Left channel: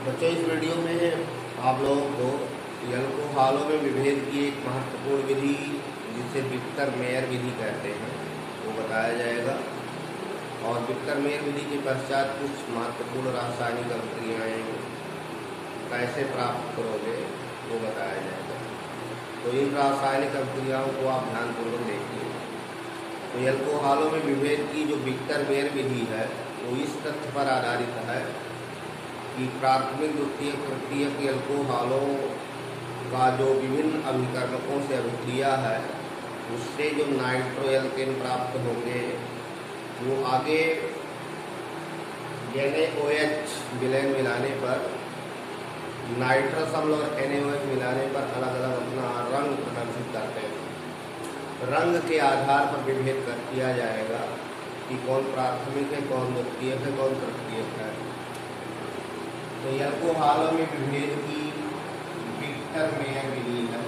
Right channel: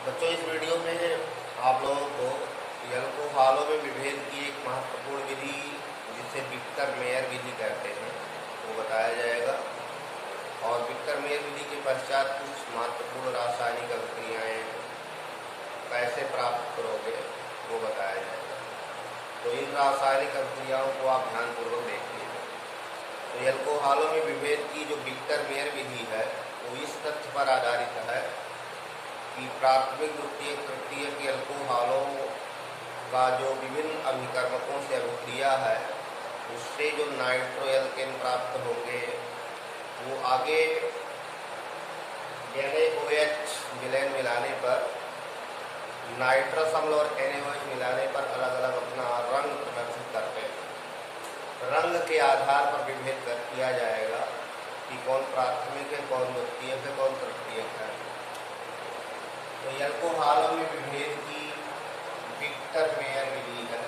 बच्चों, इस वीडियो में आप लोगों को अल्कोहलों में विभेद की एक महत्वपूर्ण विधि जिसे विक्टर मेयर विधि कहते हैं वो बताया जाएगा। और विक्टर मेयर विधि के पश्चात कुछ महत्वपूर्ण रासायनिक अभिक्रियाएं कैसे प्राप्त करोगे वो बताया जाएगा। तो इन रासायनिक अभिक्रियाओं को आप ध्यानपूर्वक देखिए। तो अल्कोहलों में विभेद की जो विक्टर मेयर विधि है वो इस तथ्य पर आधारित है कि प्राथमिक द्वितीयक तृतीयक अल्कोहलों का जो विभिन्न अभिकर्मकों से अभिक्रिया है उससे जो नाइट्रोएल्केन प्राप्त होंगे वो आगे NaOH विलयन मिलाने पर नाइट्रस अम्ल और NaOH मिलाने पर अलग अलग अपना रंग प्रदर्शित करते हैं। रंग के आधार पर विभेद किया जाएगा कि कौन प्राथमिक है, कौन द्वितीयक है, कौन तृतीयक है। तो अल्कोहलों में विभेद की विक्टर मेयर विधि है।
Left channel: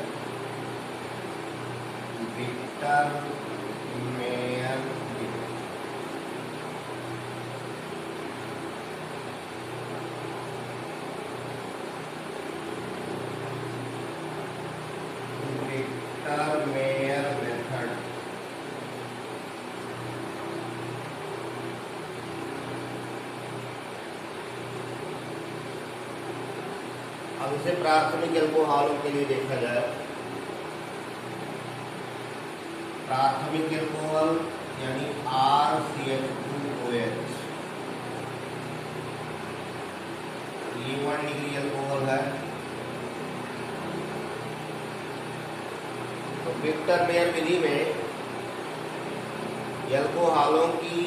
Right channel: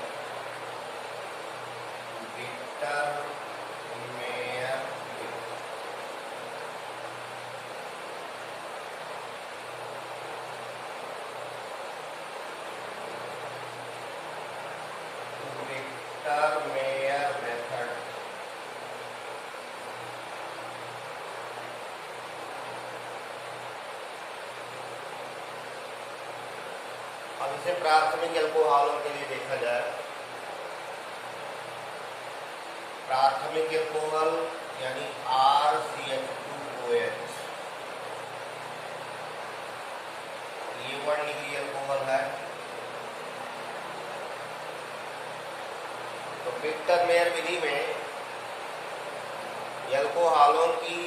विक्टर मेयर विधि विक्टर मेयर मेथड अब इसे प्राथमिक अल्कोहलों के लिए देखा जाए। प्राथमिक अल्कोहल यानी RCH2OH ये 1 डिग्री अल्कोहल है। तो विक्टर मेयर विधि में अल्कोहलों की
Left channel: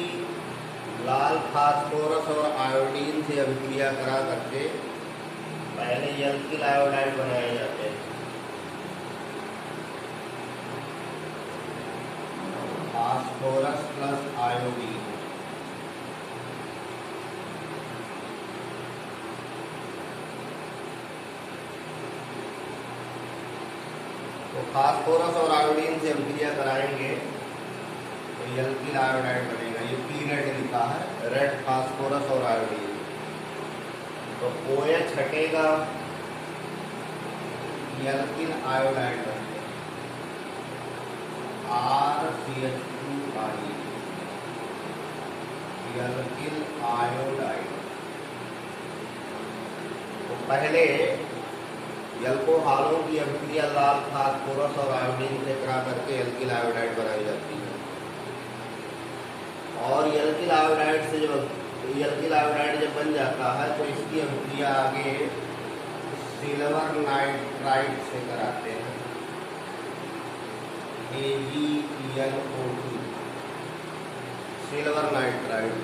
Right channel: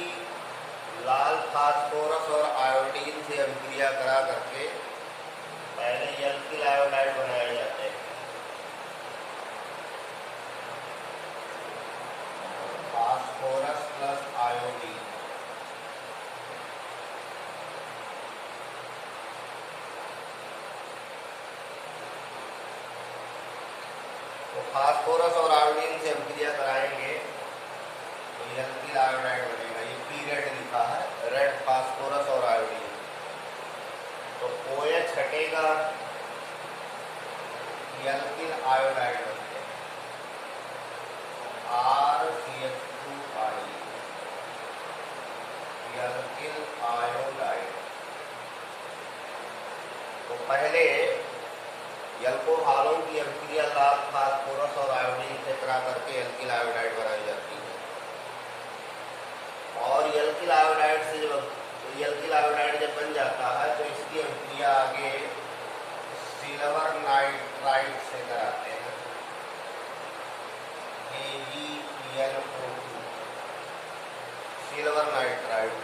लाल फास्फोरस और आयोडीन से अभिक्रिया करा करके पहले एल्किल आयोडाइड बनाए जाते हैं। फास्फोरस प्लस आयोडीन तो फास्फोरस और आयोडीन से अभिक्रिया कराएंगे तो एल्किल आयोडाइड बनेगा। ये पी रेड लिखा है, रेड फास्फोरस और आयोडीन। तो OH हटेगा, एल्किल आयोडाइड बन गया RCH2I एल्किल आयोडाइड। तो पहले अल्कोहलों की अभिक्रिया लाल फास्फोरस और आयोडीन से करा करके एल्किल आयोडाइड बनाई जाती है। और एल्किल आयोडाइड से जब एल्किल आयोडाइड जब बन जाता है तो इसकी अभिक्रिया आगे सिल्वर नाइट्राइड से कराते हैं AgNO2 सिल्वर नाइट्राइड।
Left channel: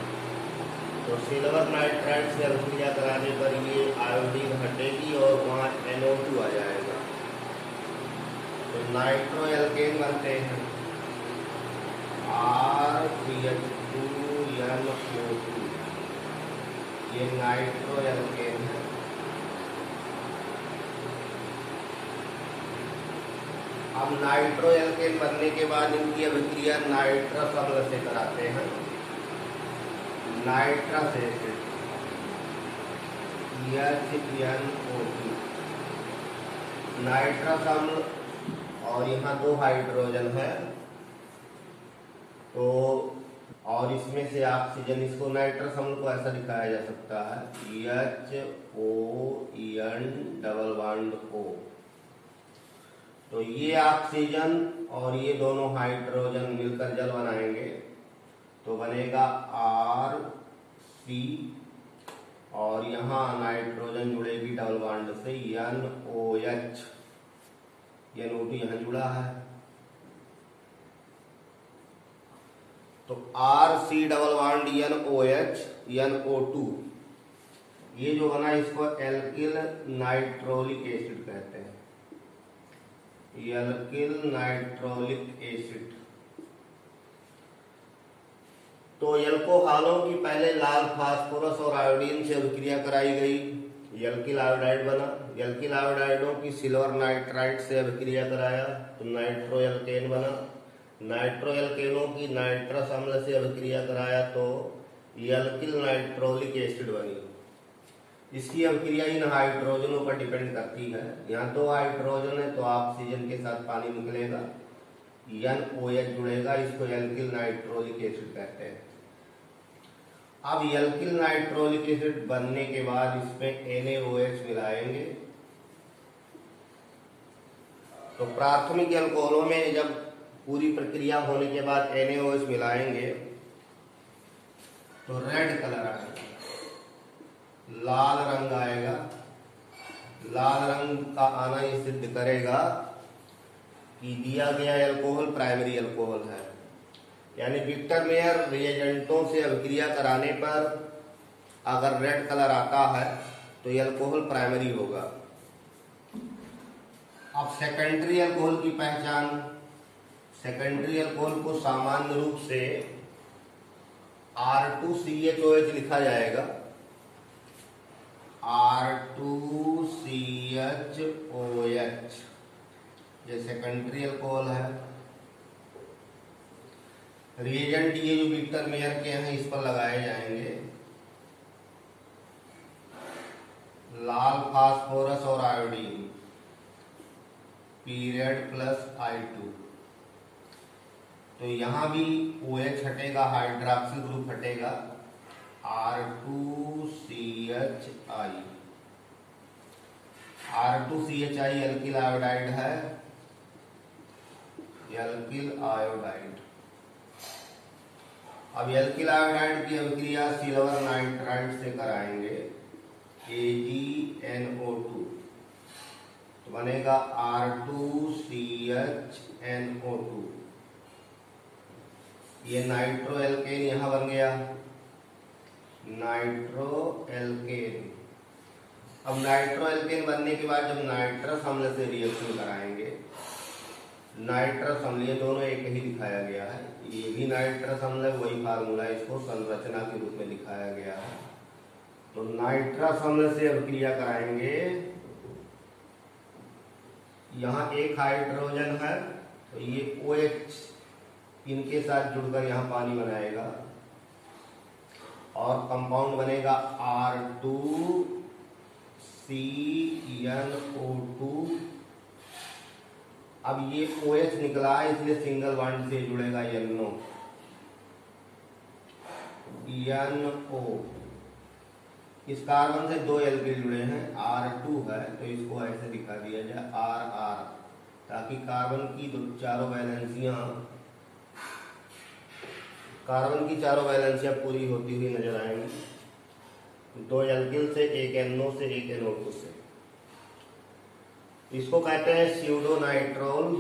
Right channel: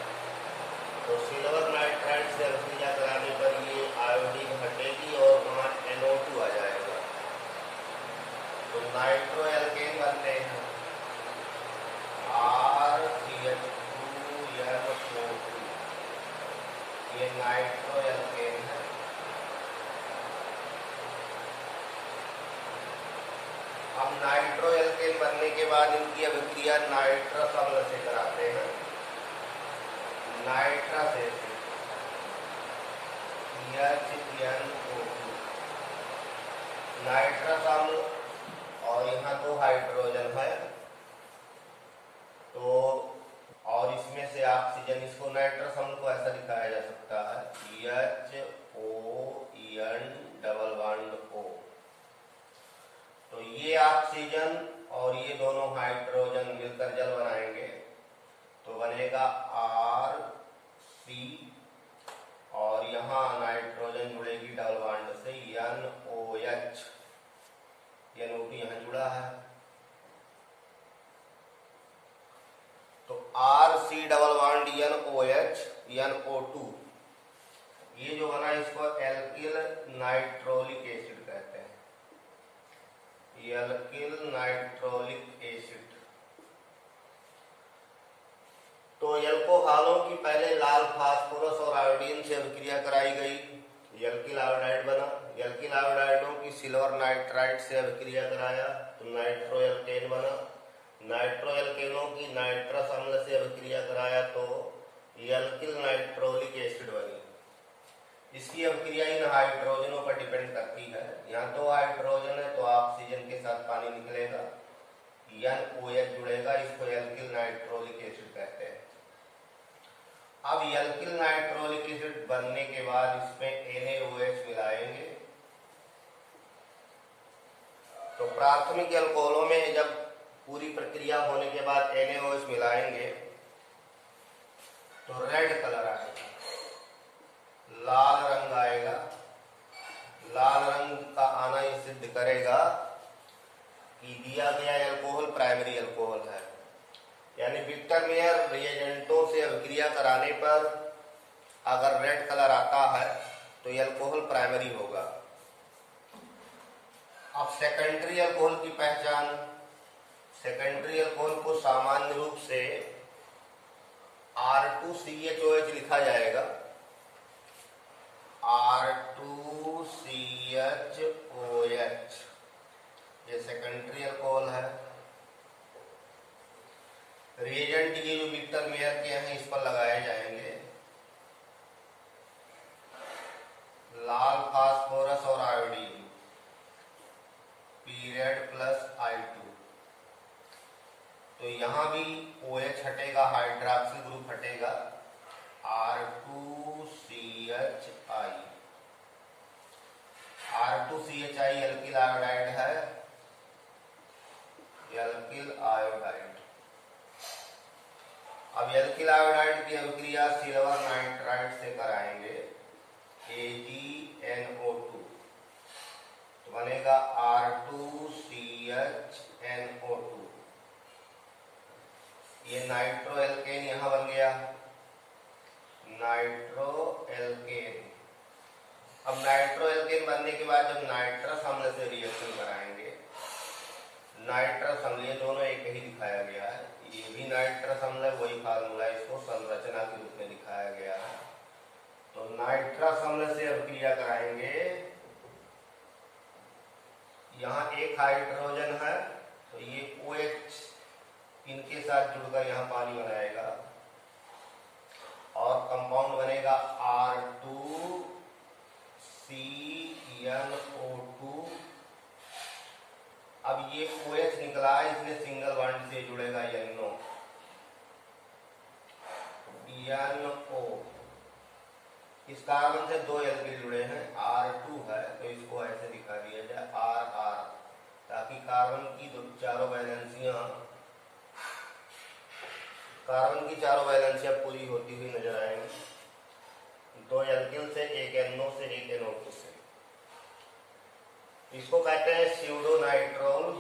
तो सिल्वर नाइट्राइड से अभिक्रिया कराने पर ये आयोडीन हटेगी और वहां NO2 आ जाएगा। तो नाइट्रोएल्केन बनते हैं RCH2NO2 ये नाइट्रोएल्केन है। अब नाइट्रोएल्केन बनने के बाद इनकी अभिक्रिया नाइट्रस अम्ल से कराते हैं, नाइट्रस एसिड HNO2 नाइट्रस अम्ल। और यहाँ 2 हाइड्रोजन है तो और इसमें से ऑक्सीजन, इसको नाइट्रस अम्ल को ऐसा दिखाया जा सकता है HON_O। तो ये ऑक्सीजन और ये दोनों हाइड्रोजन मिलकर जल बनाएंगे तो बनेगा RC और यहाँ नाइट्रोजन जुड़ेगी डबल बॉन्ड से NOH। NO2 यहाँ जुड़ा है तो RC double bond NOH NO2 ये जो बना इसको एल्किल नाइट्रोलिक एसिड कहते हैं। Alkyl nitrolic acid. तो अल्कोहलों की पहले लाल फास्फोरस और आयोडीन से अभिक्रिया कराई गई, एल्किल आयोडाइड बना। एल्किल आयोडाइडों की सिल्वर नाइट्राइड से अभिक्रिया कराया तो नाइट्रोएल्केन बना। नाइट्रोएल्केनों की नाइट्रस अम्ल से अभिक्रिया कराया तो एल्किल नाइट्रोलिक एसिड बनी। इसकी अभिक्रिया इन हाइड्रोजनों पर डिपेंड करती है। यहाँ 2 हाइड्रोजन है तो ऑक्सीजन के साथ पानी निकलेगा, NOH जुड़ेगा, इसको एल्किल नाइट्रोलिक एसिड कहते हैं। अब एल्किल नाइट्रोलिक एसिड बनने के बाद इसमें NaOH मिलाएंगे। तो प्राथमिक अल्कोहलों में जब पूरी प्रक्रिया होने के बाद NaOH मिलाएंगे तो रेड कलर आएगा, लाल रंग आएगा। लाल रंग का आना ये सिद्ध करेगा कि दिया गया अल्कोहल प्राइमरी अल्कोहल है। यानी विक्टर मेयर रिएजेंटों से अभिक्रिया कराने पर अगर रेड कलर आता है तो ये अल्कोहल प्राइमरी होगा। अब सेकेंडरी अल्कोहल की पहचान। सेकेंडरी अल्कोहल को सामान्य रूप से R2CHOH लिखा जाएगा, R2CHOH, ये सेकेंडरी अल्कोहल है। रिएजेंट ये जो विक्टर मेयर के हैं इस पर लगाए जाएंगे, लाल फास्फोरस और आयोडीन, पीरियड प्लस I2। तो यहां भी OH हटेगा, हाइड्रॉक्सी ग्रुप हटेगा, R2CHI। R2CHI एल्किल आयोडाइड है, एल्किल आयोडाइड। अब एल्किल आयोडाइड की अभिक्रिया सिल्वर नाइट्राइड से कराएंगे, AgNO2, तो बनेगा R2CHNO2। ये नाइट्रो एल्केन यहां बन गया, नाइट्रो एल्केन। अब नाइट्रो एल्केन बनने के बाद जब नाइट्रस अम्ल से रिएक्शन कराएंगे, नाइट्रस अम्ल, ये दोनों एक ही दिखाया गया है, ये भी नाइट्रस अम्ल है, वही फार्मूला, इसको संरचना के रूप में दिखाया गया है। तो नाइट्रस अम्ल से अभिक्रिया कराएंगे, यहां एक हाइड्रोजन है तो ये OH इनके साथ जुड़कर यहां पानी बनाएगा और कंपाउंड बनेगा R2CnO2। अब ये OH निकला है इसलिए सिंगल बॉन्ड से जुड़ेगा NO। इस कार्बन से 2 एल्किल जुड़े हैं, R2 है तो इसको ऐसे दिखा दिया जाए RR, ताकि कार्बन की चारों वैलेंसियां पूरी होती हुई नजर आएंगी। 2 एल्किल से, 1 NO से, 1 NO2 से। इसको कहते हैं स्यूडोनाइट्रोल,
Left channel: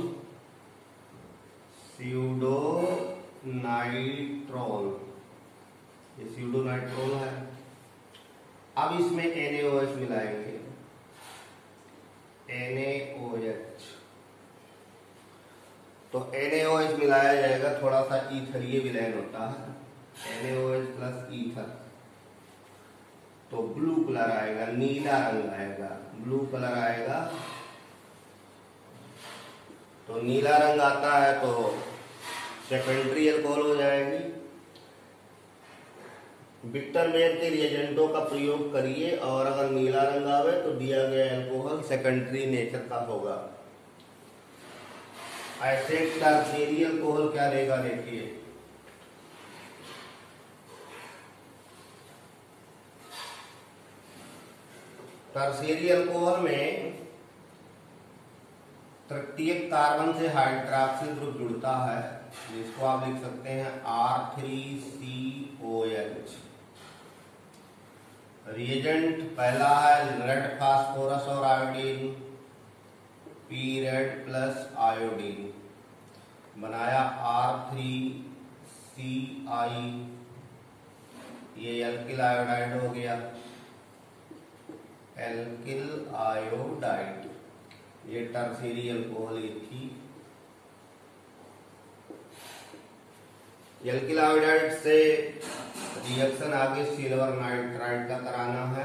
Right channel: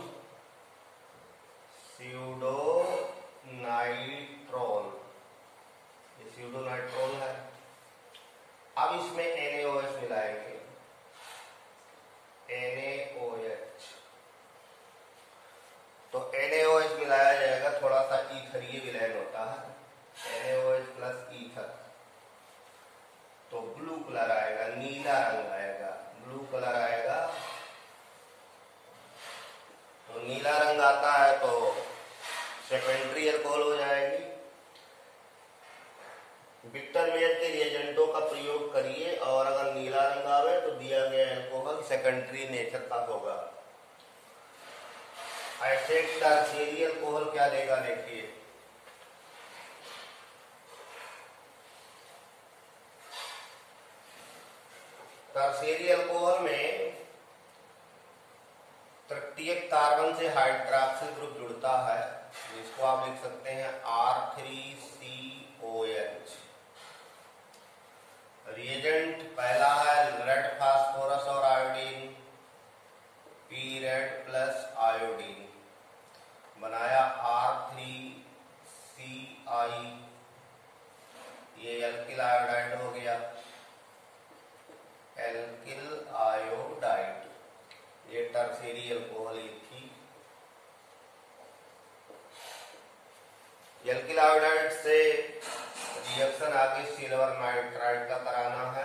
ये स्यूडोनाइट्रोल है। अब इसमें NaOH मिलाएंगे, NaOH। तो NaOH मिलाया जाएगा, थोड़ा सा ईथर ये विलयन होता है, NaOH प्लस ईथर, तो ब्लू कलर आएगा, नीला रंग आएगा, ब्लू कलर आएगा। तो नीला रंग आता है तो सेकेंडरी अल्कोहल हो जाएगी। विक्टर मेयर के रिएजेंटों का प्रयोग करिए और अगर नीला रंग आवे तो दिया गया अल्कोहल सेकेंडरी नेचर का होगा। ऐसे टर्शियरी अल्कोहल क्या देगा देखिए, टर्शियरी अल्कोहल में प्रत्येक कार्बन से हाइड्रॉक्सिल ग्रुप जुड़ता है, जिसको आप लिख सकते हैं R3COH। रिएजेंट पहला है रेड फास्फोरस और iodine, P red plus iodine, बनाया R3CI, ये एल्किल आयोडाइड हो गया, एल्किल आयोडाइड। ये टर्शियरी अल्कोहल थी। एल्किल आयोडाइड से रिएक्शन आगे सिल्वर नाइट्राइड का कराना है,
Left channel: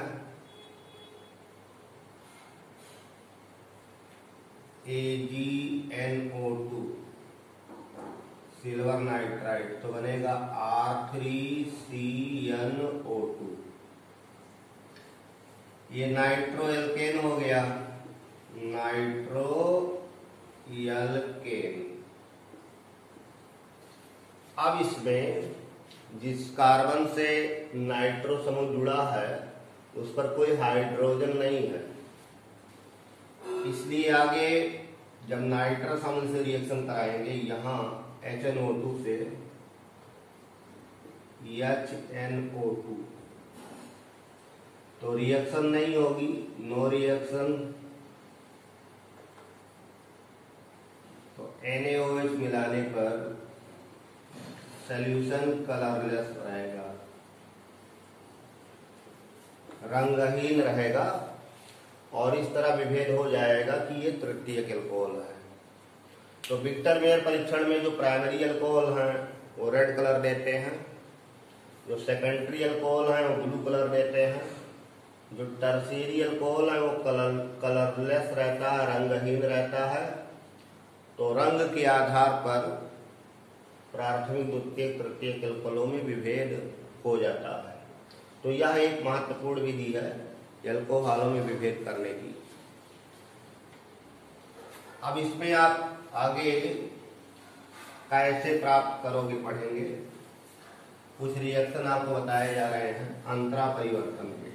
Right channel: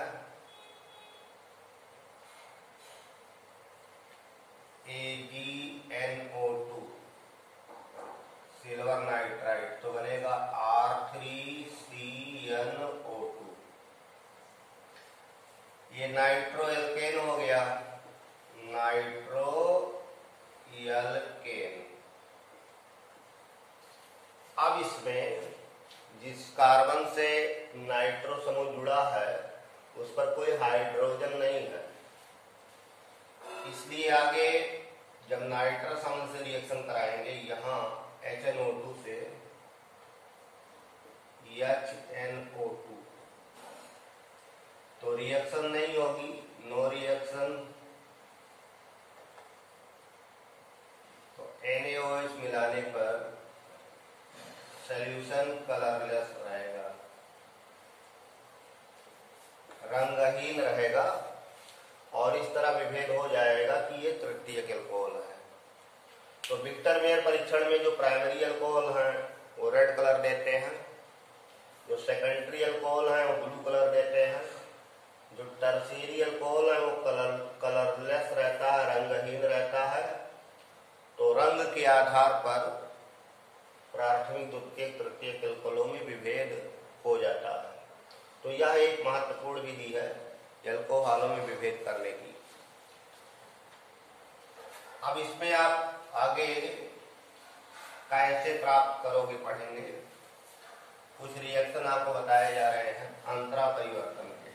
AgNO2, सिल्वर नाइट्राइड, तो बनेगा R3CnO2। ये नाइट्रो एल्केन हो गया, नाइट्रो एल्केन। अब इसमें जिस कार्बन से नाइट्रो समूह जुड़ा है उस पर कोई हाइड्रोजन नहीं है, इसलिए आगे जब नाइट्रस अम्ल से रिएक्शन कराएंगे यहां HNO2 से HNO2 तो रिएक्शन नहीं होगी, नो रिएक्शन। तो NaOH मिलाने पर सॉल्यूशन कलरलेस रहेगा, रंगहीन रहेगा और इस तरह विभेद हो जाएगा कि ये तृतीयक अल्कोहल है। तो विक्टर मेयर परीक्षण में जो प्राइमरी अल्कोहल हैं वो रेड कलर देते हैं, जो सेकेंडरी अल्कोहल हैं वो ब्लू कलर देते हैं, जो टर्शियरी अल्कोहल है वो कलरलेस रहता है, रंगहीन रहता है। तो रंग के आधार पर प्राथमिक, द्वितीयक, तृतीयक अल्कोहलों में विभेद हो जाता है। तो यह एक महत्वपूर्ण विधि है अल्कोहलों में विभेद करने की। अब इसमें आप आगे कैसे प्राप्त करोगे पढ़ेंगे। कुछ रिएक्शन आपको बताए जा रहे हैं अंतरा परिवर्तन के।